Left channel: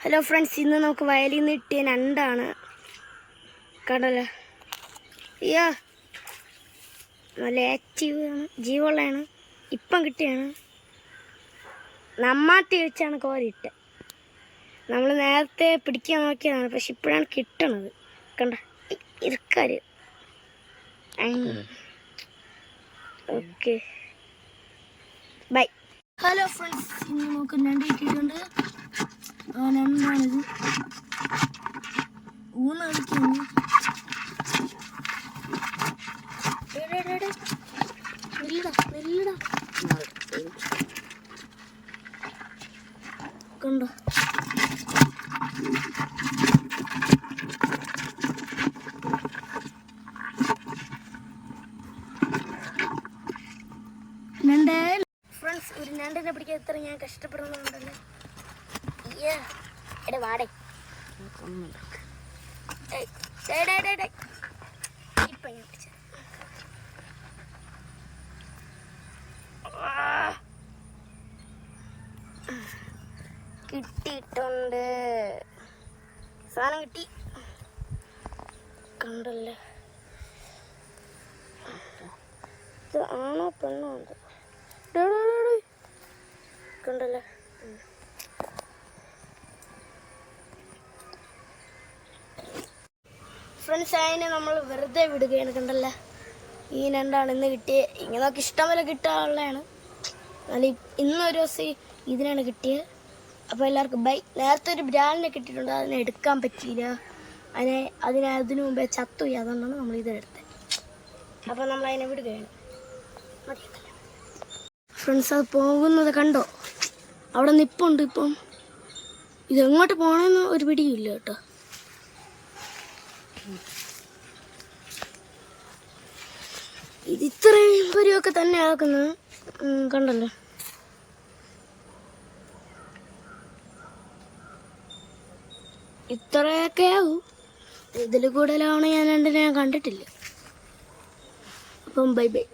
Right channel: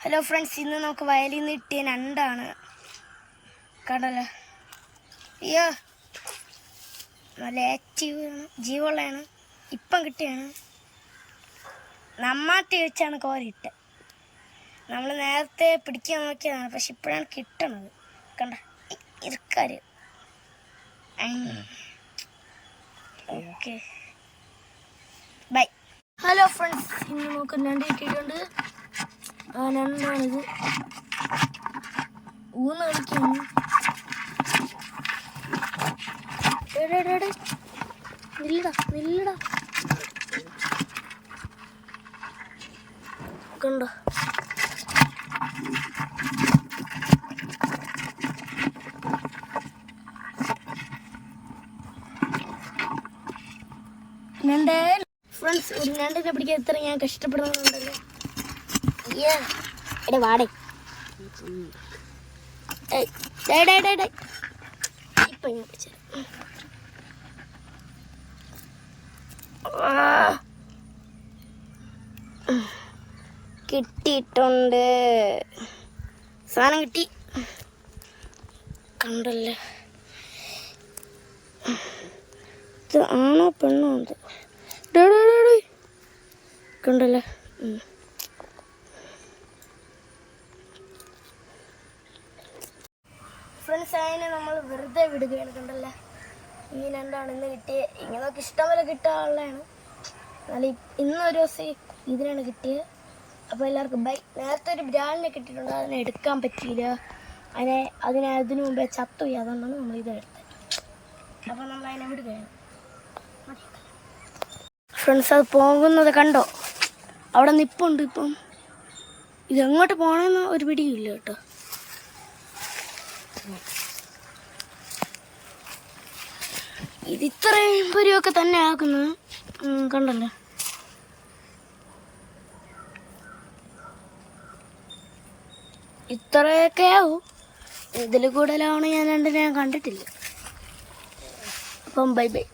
Hello friends ഇന്ന് നമുക്ക് വയലിൽ നിന്ന് കിട്ടിയ രണ്ടാണ്. കടല അയ്യോ. നല്ല ആക്റ്റീവ് ആണ്. ജീവമുള്ളതാണ് ഇപ്പം കിട്ടിയാണ്. നമ്മാത്തി വെച്ചാണ് കോരിട്ട് നമ്മൾ നേരത്തെ പിടിക്കാൻ നോക്കിയതാണ്. പക്ഷെ ഇപ്പോഴാണ് കിട്ടണത്. കണ്ട? ഇരിക്കാര്. ഓക്കെ. ബൈ. ഹലോ ഫ്രണ്ട്സ് ഇന്ന് നമുക്ക് രണ്ട് കിട്ടിയിട്ടുണ്ട്? ആ ഞണ്ടാണിത് ഊന്ന് കളിക്കുന്നു നില്ലടാ. നില്ലെടാ. കണ്ടോ? ഫ്രണ്ട്സ് ഒരു ഞണ്ടിനെ പിടിക്കാൻ എത്ര ഞാൻ കഷ്ടപ്പെടുന്നുണ്ടല്ലോ എടാ വാടേ. കിട്ടിയിട്ടുണ്ട്. സാധനം കിട്ടി. കണ്ടല്ലേ? ഇത് ആണോ പെണ്ണോ ഡേ. കണ്ടല്ലേ? ഫ്രണ്ട്സ് അതിനെ നമ്മൾ വെറുതെ വിടുകയാണ് കണ്ടല്ലേ? ഈ രണ്ടാണ് ഇന്ന് കിട്ടിയത് ഇങ്ങനെ നമുക്ക് ഇഷ്ടം പോലെ കിട്ടാനുള്ളതാണ് എന്നാൽ ഇ- ഇന്നൊരു ദിവസം ഇതിനാണ് കിട്ടിയത് അപ്പോൾ എല്ലാവർക്കും ബൈ. നേരത്തെ ഒരു ബ്രാൻഡിനെ കിട്ടിയിട്ടുണ്ട് അതിനെ എടുക്കാൻ പറ്റിയില്ല. അതിനെ അതിനെ മുമ്പേ ചത്തുപോയി അതുകൊണ്ടാണ് നമ്മൾ ഇതെടുത്തത് അപ്പോൾ നമ്മൾ അതിനെ വിടുകയാണ്. ഫ്രണ്ട്സ് അത് പോകുന്നത് കണ്ടോ? അവിടെ നിപ്പുണ്ട് ഇപ്പം. ഇതെങ്ങോട്ട് പോകണമെന്ന് ഒരു പിടിയില്ല കേട്ടോ. ഇത് ഇത്രയും പൊരിയൊക്കെ തന്നെ ആക്കുന്നു. കണ്ടല്ലോ. ഇത്രയൊക്കെ ആവും. ഇതിൽ കൂടുതലാണ് ഞാൻ രണ്ടിനെ കണ്ടിട്ടില്ല. അപ്പം ബൈ ബൈ.